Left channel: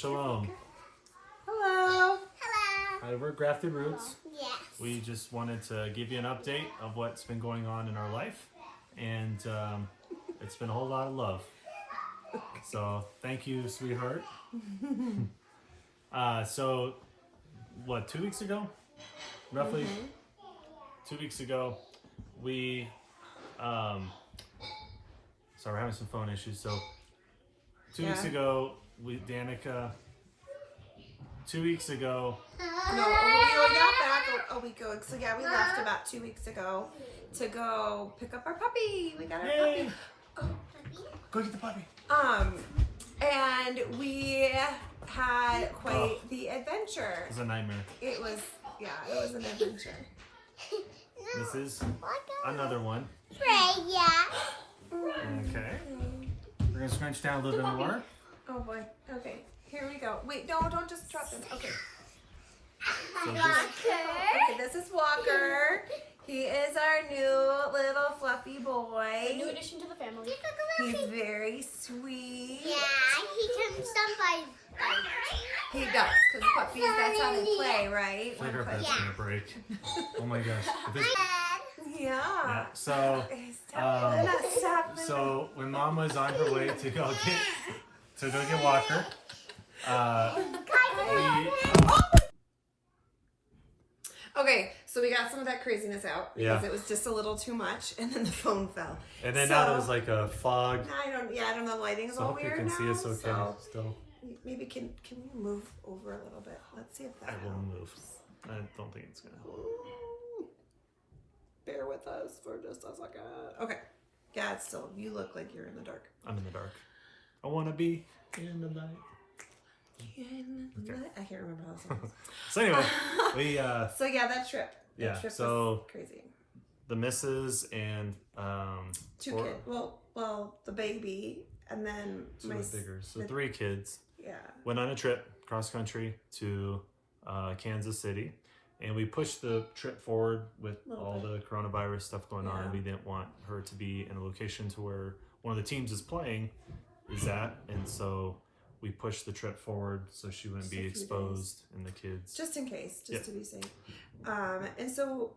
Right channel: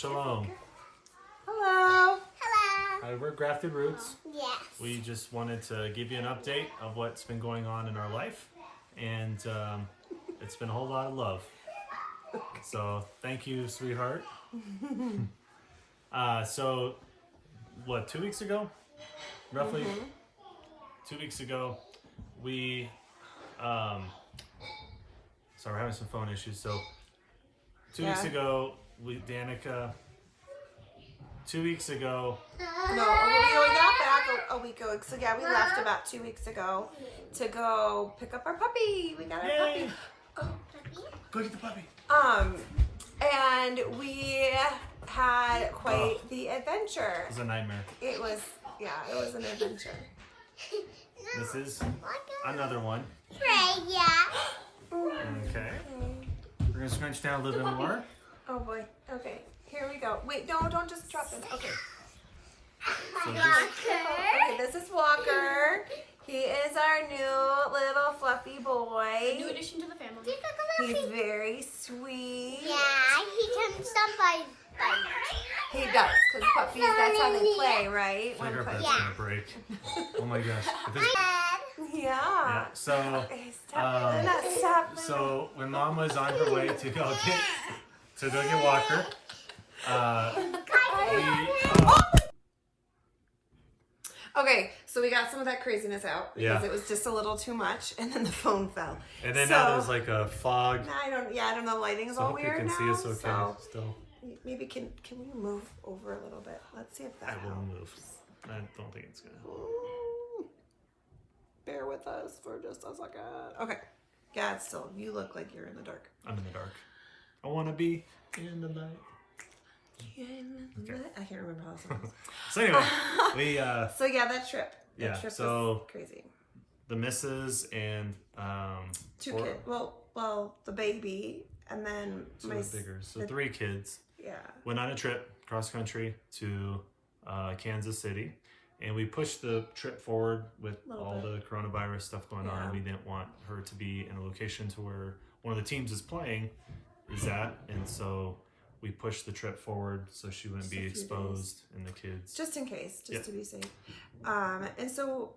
Shalom. Hello. Hello. Hi, we're Grafted Roots. Yes. We just wanted to give you an update of what's been going on in our life, and it's been a whole lot of love. So thank you, sweetheart. So what, 2 weeks ago? Roughly 2 weeks ago, we sorry, we're having some phone issues. So 2 weeks ago, Danica. 2 weeks ago. No, we got back a week ago. So yeah, we left about 2 weeks ago to go pick up our puppy. We got our Yay! puppy. Go get the puppy. And we had quite the adventure. It was a nightmare. It was an adventure. This is another one. Freya. Okay. We're gonna scrunch down a little bit more. Oh boy. Okay. Here we go. Wait, no, don't just drop them. Okay. So just, Okay, this is Walker. He is our new little fluffy boy. New addition to the family. He's very sweet. Yeah, he can somebody bite. He does, because puppies, that's how they play, right? I think our bed's Yeah. gonna break. Oh my gosh. If it's- Yeah. yeah. So Stop. so when Mom was on her way to go get Walker, Okay, so we got some of that craziness out because Yeah. it was just a little too much, and then the phone fell. and then now there's like a fog. I don't know. The lighting's So I all hope you weird can now. see us okay So still. maybe can you move over a little bit? Let's see if that I will helps. move. I don't think it's gonna help. Ooh. Bear with us for just a second. Okay. Yeah, it's still. You look like you're in the dark. I'm in the dark. I wanna be in the light. Okay. I can't remember how it sounds. So anyway, we So yeah, that trip. That yeah. trip So was crazy. the missus and Two four- kids. Well, the baby, and then two of the bigger. So 3 kids Yeah. went on a trip cross country to Kansas City, and we pushed the trip forward with Little all bit. the coronavirus stuff going on. Yeah. We didn't want her to be in a location to where one of the teams is playing is at, and so we pushed the trip forward so she wouldn't Just be a few days. exposed and the kids. Just in case, just Yep. to be safe. And so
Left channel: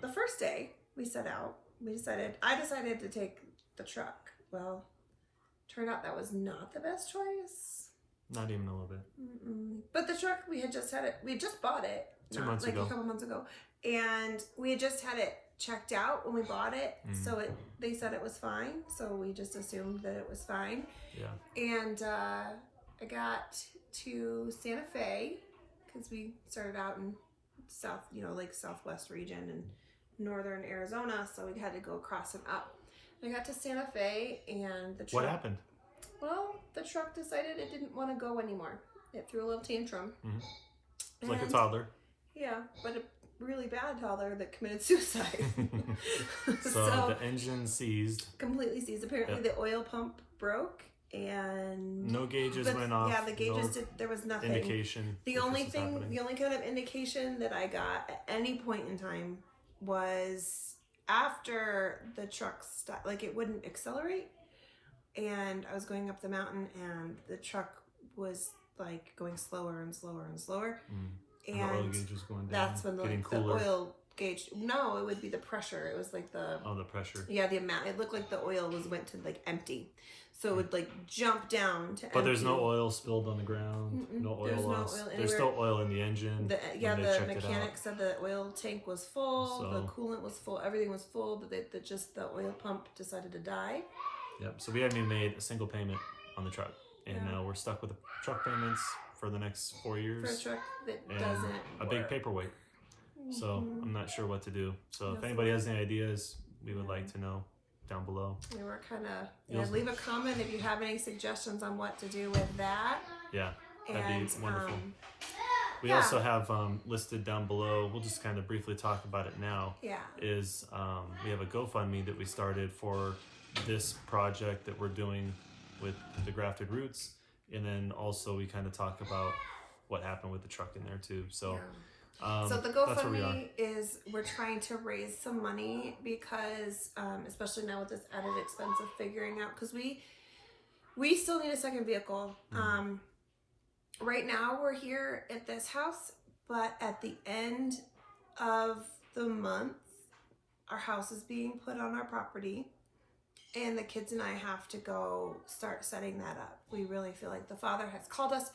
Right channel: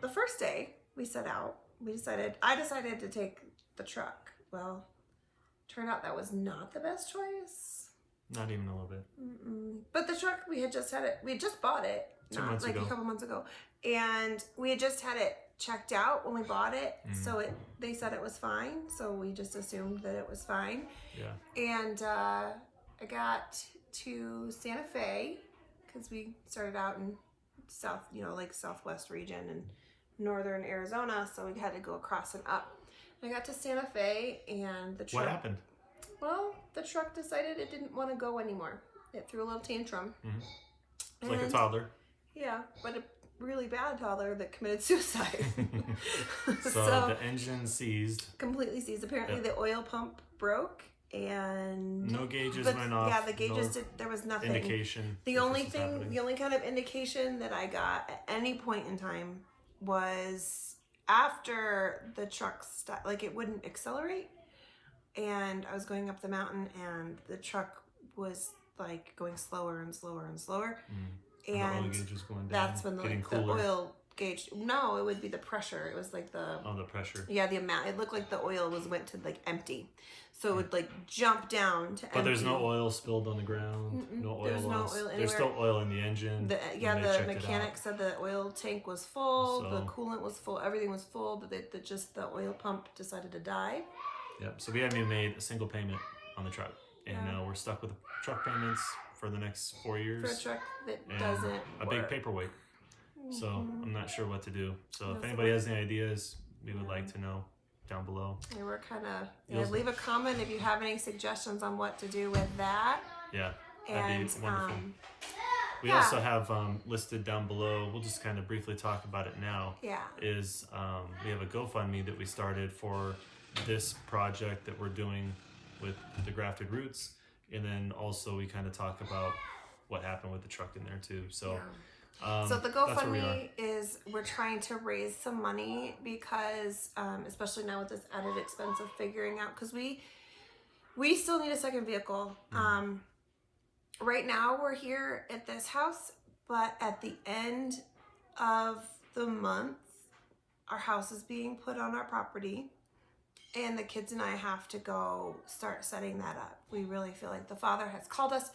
the first day we set out, I decided to take the truck. Well, turned out that was not the best choice. Not even a little bit. But the truck, we had just bought it 2 months like ago. a couple months ago, and we had just had it checked out when we bought it. So they said it was fine, so we just assumed that it was fine. Yeah. And I got to Santa Fe because we started out in southwest region and northern Arizona, so we had to go across and up. I got to Santa Fe, and the truck. What happened? Well, the truck decided it didn't want to go anymore. It threw a little tantrum. Like a And- toddler. Yeah, but a really bad toddler that committed suicide. So the engine seized. Completely seized. Apparently, Yep. the oil pump broke, and No gauges the- went off. Yeah, the gauges no there was nothing. indication. The that only this was happening. the only kind of indication that I got at any point in time was after the truck stopped, like it wouldn't accelerate, and I was going up the mountain, and the truck was like going slower and slower and slower, And the oil gauge was going down. that's when getting the cooler. oil gauge. No, it would be the pressure. It was like the Oh, the pressure. yeah, the amount. It looked like the oil went to like empty, so it would like jump down to. But there's no empty. oil spilled on the ground. No oil There's no loss. oil There's still oil in the engine. The when they checked it mechanic out. said the oil tank was full, the So- coolant was full, everything was full, but just the oil pump decided to die. Yep. So we haven't even made a single payment on the truck, and Yeah. now we're stuck with the truck payments for the next 4 For a years truck that and doesn't a big work. paperweight. So I'm not sure what to do. So if Doesn't anybody has any ideas, we would like to know down below. We were kind of You'll- leave a comment if you have any suggestions on what to do with that. Yeah, that'd And be wonderful. We yeah. also have listed down below, we'll just kind of briefly talk about it now, yeah, is we have a GoFundMe that we started for this project that we're doing with the Grafted Roots. And then also we kind of talk about what happened with the truck in there too. So, so the that's where we are. GoFundMe is we're trying to raise some money because, especially now with this added expense of figuring out, because we still need a second vehicle. right now we're here at this house, but at the end of the month, our house is being put on our property, and the kids and I have to go start setting that up. We really feel like the Father has called us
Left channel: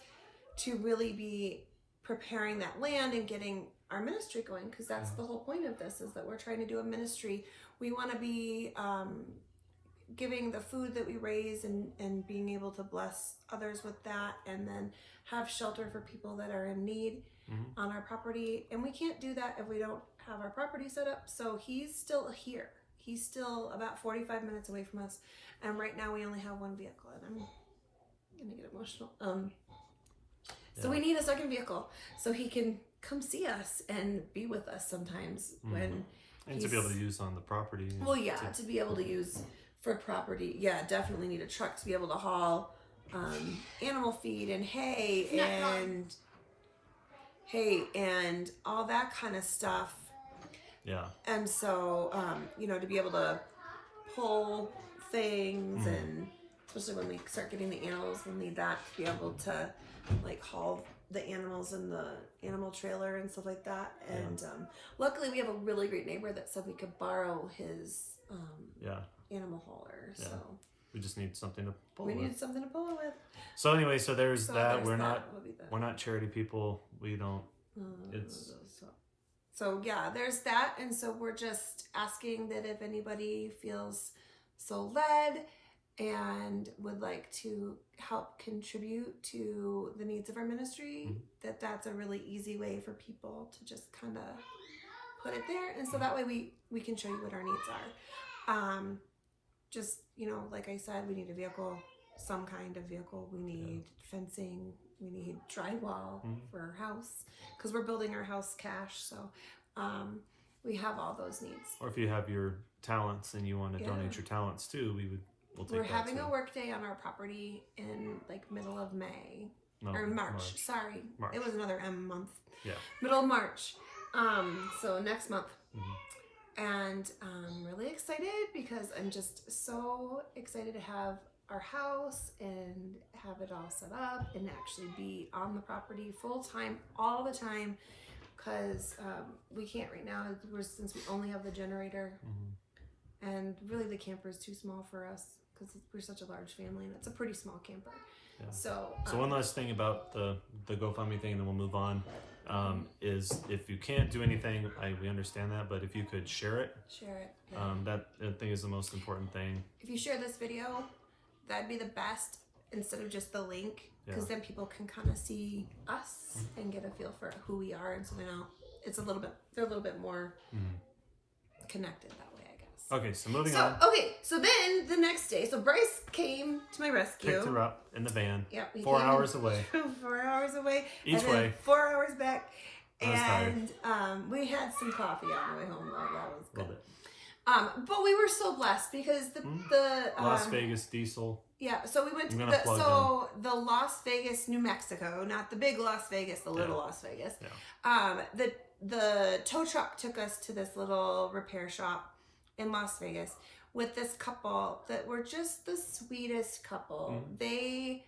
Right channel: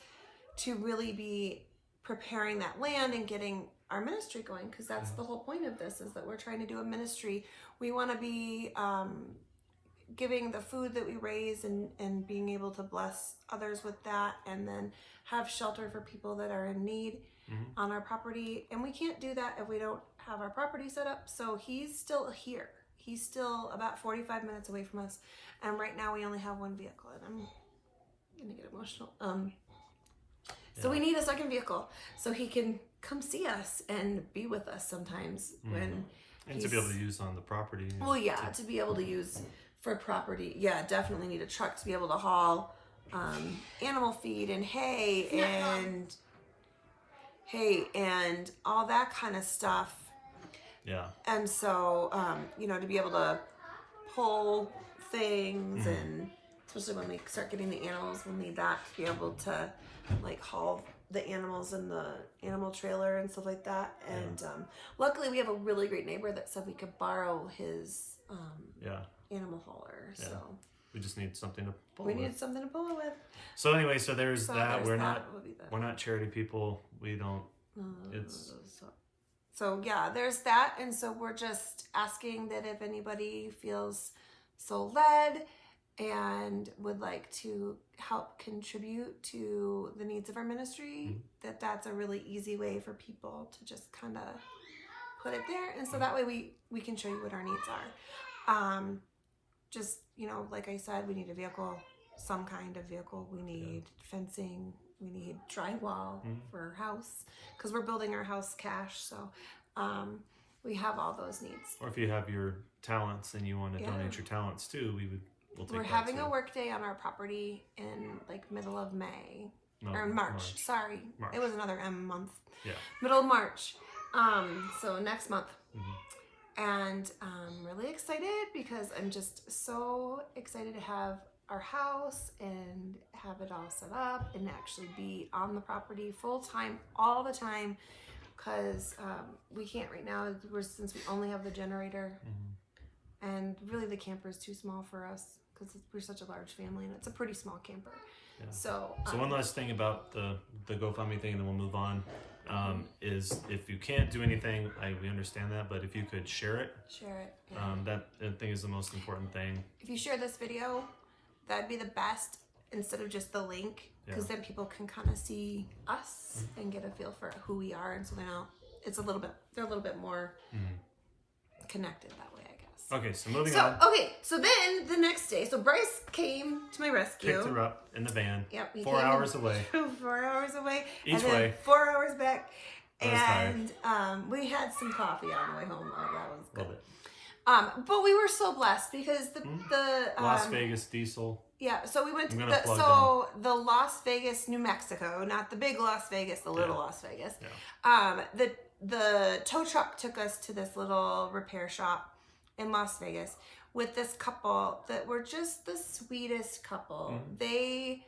to really be preparing that land and getting our ministry going, because that's the whole point of this, is that we're trying to do a ministry. We want to be giving the food that we raise and being able to bless others with that, and then have shelter for people that are in need on our property. And we can't do that if we don't have our property set up. So he's still here. He's still about 45 minutes away from us. And right now we only have one vehicle, and I'm gonna get emotional. So we need a second vehicle so he can come see us and be with us sometimes when and to be able to use on the property. Well, yeah, to be able to use for property. Yeah, definitely need a truck to be able to haul animal feed and hay and all that kind of stuff. Yeah. And so, you know, to be able to pull things, and especially when we start getting the animals, we'll need that to be able to like haul the animals in the animal trailer and stuff like that. And luckily we have a really great neighbor that said we could borrow his animal hauler. Yeah. So We just need something to pull we with. need something to pull it with. So anyway, so there's So that. there's We're that. we're not charity people. We don't. It's So yeah, there's that. And so we're just asking that if anybody feels so led and would like to help contribute to the needs of our ministry, that's a really easy way for people to just kind of put it there. And so that way we can show you what our needs are. Just, you know, like I said, we need a vehicle, some kind of vehicle. We need fencing. We need drywall for our house, because we're building our house cash. So we have all those needs. Or if you have your talents and you want to donate your talents too, we'll take We're that having too. a work day on our property in like middle of May. No, Or March. Sorry. March. It was another month. Yeah. Middle of March. So next month. And I'm really excited because I'm just so excited to have our house and have it all set up and actually be on the property full time, all the time, because we can't right now, since we only have the generator, and really the camper is too small for us because we're such a large family, and it's a pretty small camper. Yeah. So one last thing about the GoFundMe thing, and then we'll move on, is if you can't do anything, we understand that, but if you could share it, that I think is the most important thing. If you share this video, that'd be the best, instead of just the link, because then people can kind of see us and get a feel for who we are, and so they know they're a little bit more connected that way, I guess. Okay, so moving on. Okay, so then the next day, so Bryce came to my rescue. Picked her up in the van. Yep. 4 hours away. 4 hours away. Each and then way. 4 hours back. I was tired. We had some coffee on the way home. That was A little bit. but we were so blessed because the Las Vegas diesel. Yeah, so we went to the Las Vegas, New Mexico, not the big Las Vegas, the little Las Vegas. Yeah. The tow truck took us to this little repair shop in Las Vegas with this couple that were just the sweetest couple. They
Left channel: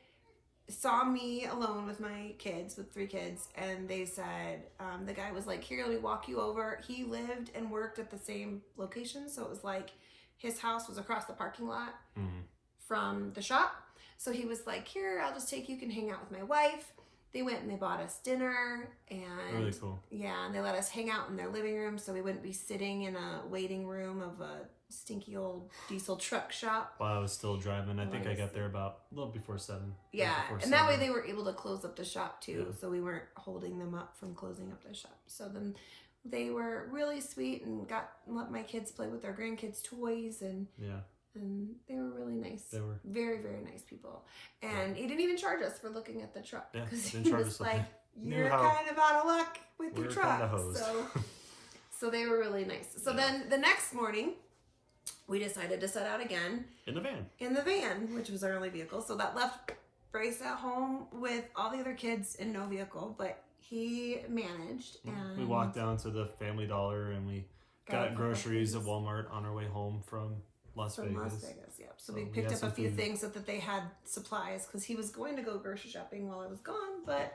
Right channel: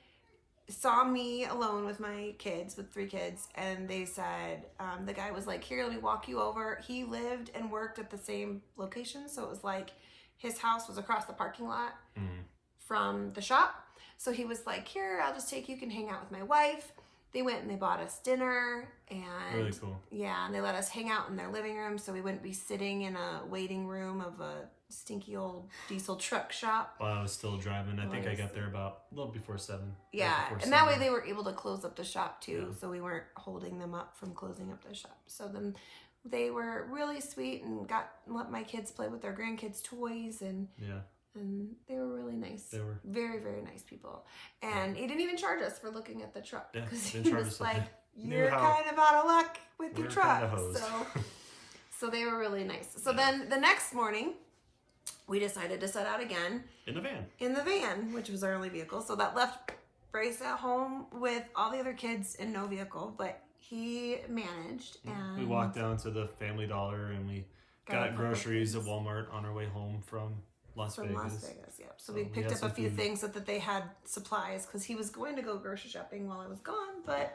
saw me alone with my kids, with 3 kids, and they said, the guy was like, here, let me walk you over. He lived and worked at the same location, so it was like his house was across the parking lot from the shop. So he was like, here, I'll just take you, can hang out with my wife. They went and they bought us dinner, and really cool. Yeah, and they let us hang out in their living room, so we wouldn't be sitting in a waiting room of a stinky old diesel truck shop. While I was still driving, I think I got there about a little before 7. Yeah, and that way they were able to close up the shop too, so we weren't holding them up from closing up the shop. So then they were really sweet and let my kids play with their grandkids' toys, and they were really nice. They were very, very nice people. And he didn't even charge us for looking at the truck. Yeah, because didn't he charge was us like, you're kind of out of luck with the truck. So they were really nice. So then the next morning, we decided to set out again. In the van, which was our only vehicle. So that left Bryce at home with all the other kids and no vehicle, but he managed. And we walked down to the Family Dollar and we got groceries at Walmart on our way home from Las from Vegas. Las Vegas. Yep. So So we we picked got up a some few food. things so that they had supplies because he was going to go grocery shopping while I was gone, but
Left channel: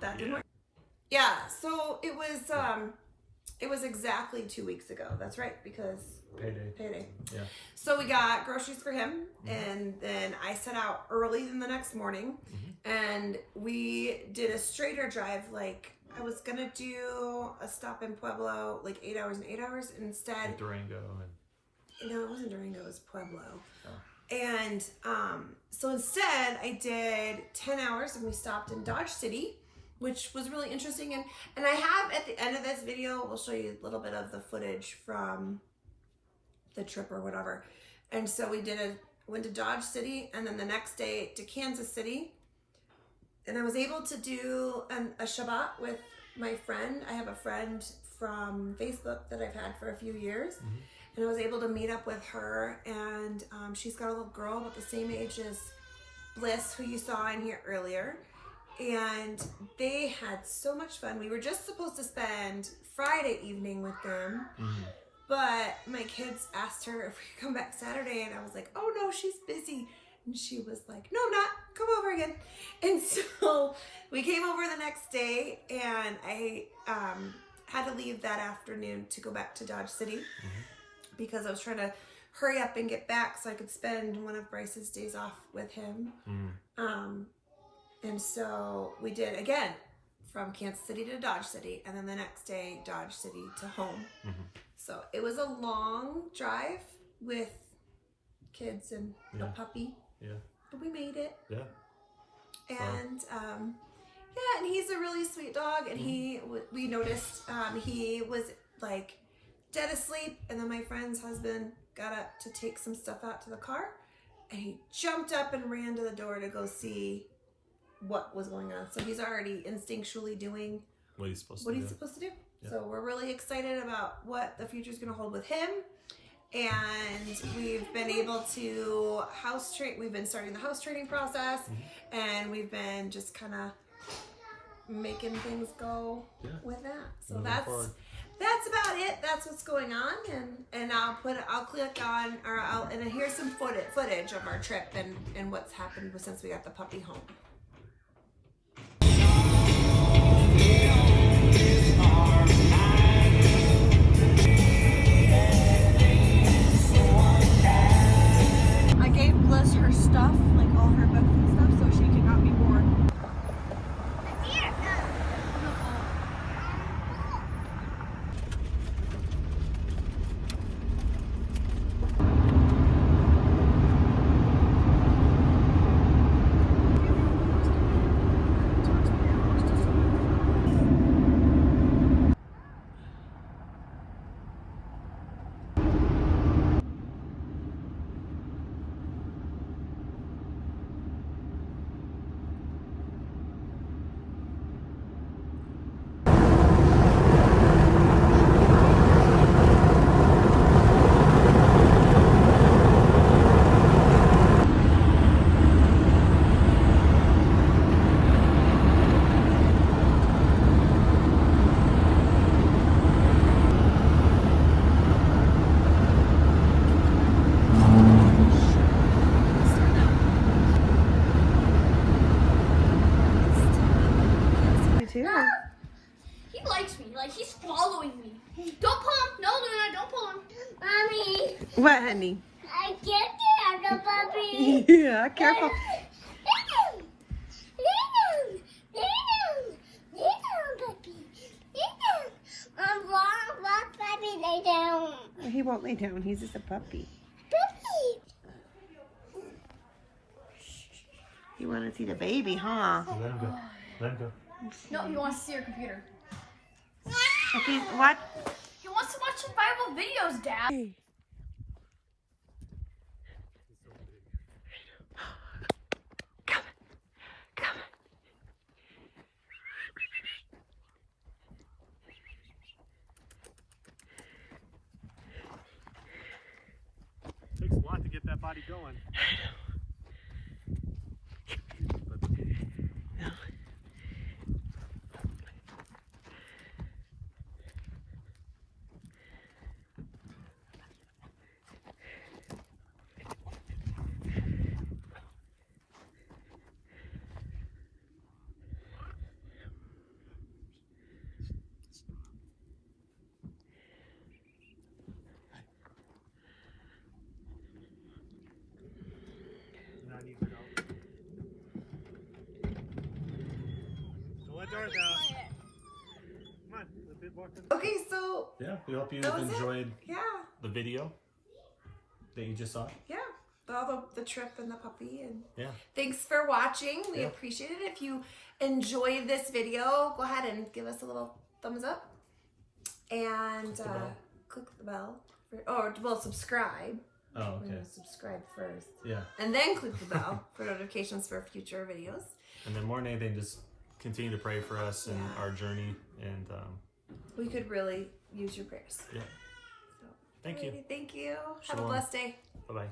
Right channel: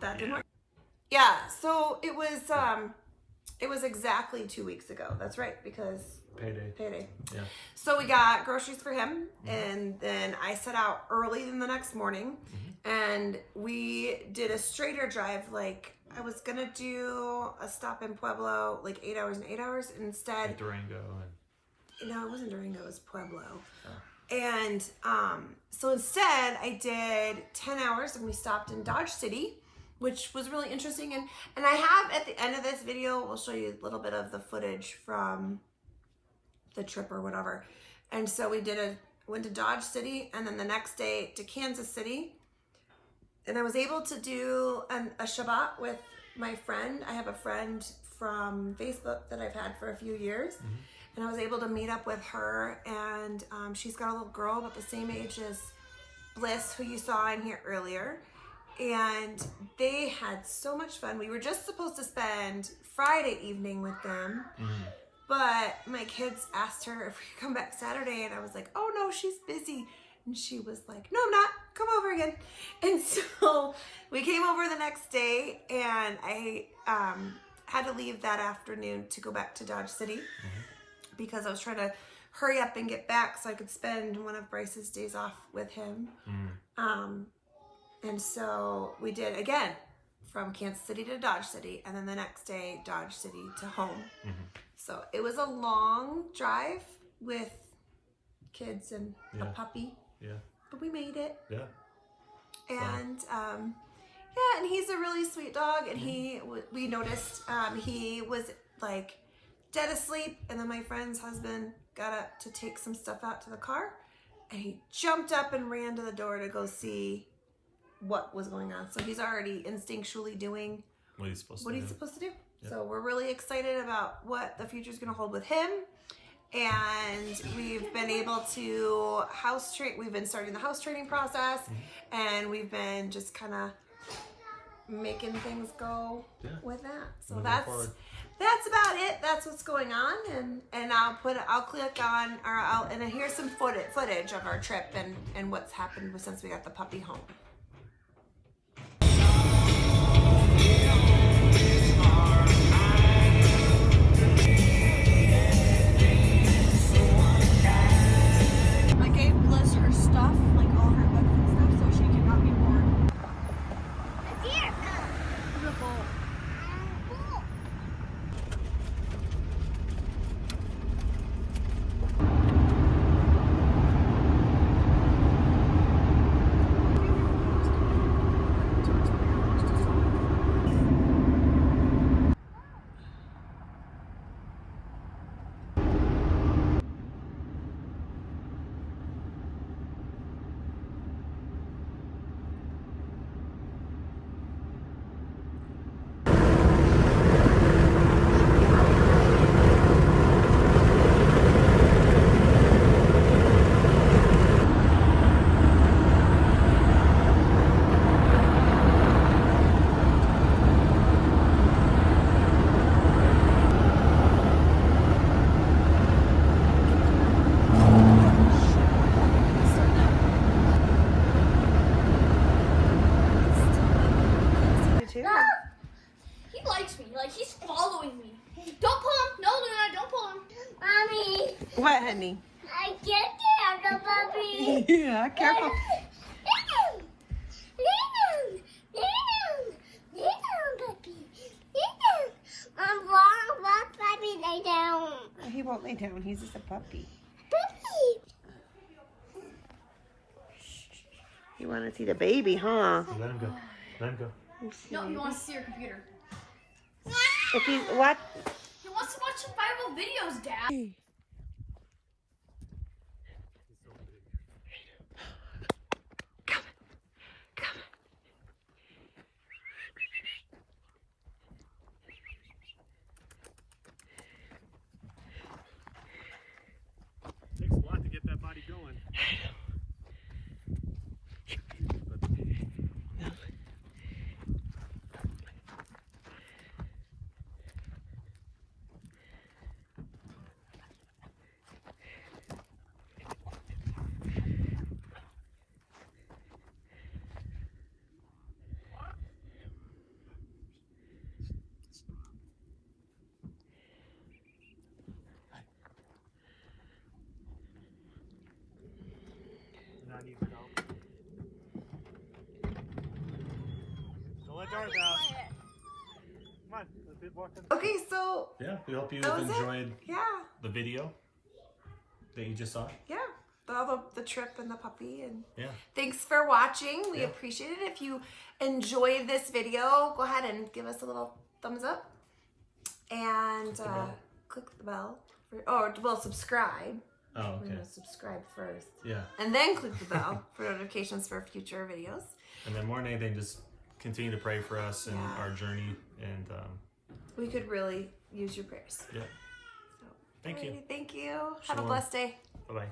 that didn't Yeah. work. Yeah. So it was exactly 2 weeks ago. That's right, because Payday. Yeah. So we got groceries for him, Mhm. and then I set out early in the next morning, and we did a straighter drive. Like I was gonna do a stop in Pueblo, like 8 hours and 8 hours. Instead, Like Durango and no, it wasn't Durango, it was Pueblo. Oh. And so instead, I did 10 hours, and we stopped in Dodge City, which was really interesting. And I have at the end of this video, we'll show you a little bit of the footage from the trip or whatever. And so we went to Dodge City, and then the next day to Kansas City. And I was able to do a Shabbat with my friend. I have a friend from Facebook that I've had for a few years. And I was able to meet up with her, and she's got a little girl about the same age as Bliss, who you saw in here earlier. And they had so much fun. We were just supposed to spend Friday evening with them, but my kids asked her if we could come back Saturday, and I was like, oh no, she's busy. And she was like, no, I'm not, come over again. And so we came over the next day, and I had to leave that afternoon to go back to Dodge City because I was trying to hurry up and get back so I could spend one of Bryce's days off with him. And so we did, again, from Kansas City to Dodge City, and then the next day, Dodge City to home. So it was a long drive with kids and a puppy. Yeah. But we made it. Yeah. And, and he's a really sweet dog, and we noticed he was, like, dead asleep, and then my friend's husband got up to take some stuff out to the car, and he jumped up and ran to the door to go see what was going on. So he's already instinctually doing What he's supposed what to he's do. supposed to do. Yep. So we're really excited about what the future is going to hold with him. And we've been able to house train. We've been starting the house training process, and we've been just kind of making things go with that. So Moving forward. that's about it. That's what's going on, and I'll click on, and here's some footage of our trip and what's happened since we got the puppy home. I gave Bliss her stuff, like all her books and stuff, so she could not be bored. He likes me. Like, he's following me. Don't pull him. No, Luna, don't pull him. Mommy, What, honey? I can't get the puppy. Yeah, careful. Puppy. Puppy, lay down. He won't lay down. He's just a puppy. Puppy. You want to see the baby, huh? Let him go. Let him go. No, he wants to see your computer. If you what? He wants to watch survival videos, Dad. Takes a lot to get that body going. not need your help. Don't let Darth out. Come on, let's walk in. Okay, so Yeah, we hope you That was it? enjoyed yeah, the video that you just saw. yeah. All the trip and the puppy and Yeah. thanks for watching. We Yeah. appreciate it. If you enjoyed this video, go ahead and give us a little thumbs up and Click the bell. click the bell. Subscribe. Oh, We're okay. gonna subscribe first, Yeah. and then click the bell for notifications for future videos. And then more than anything, just continue to pray for us and Yeah. our journey. And We could really use your prayers. yeah. So, Thank you. alrighty, thank you. Have a Shalom. blessed day. Bye-bye.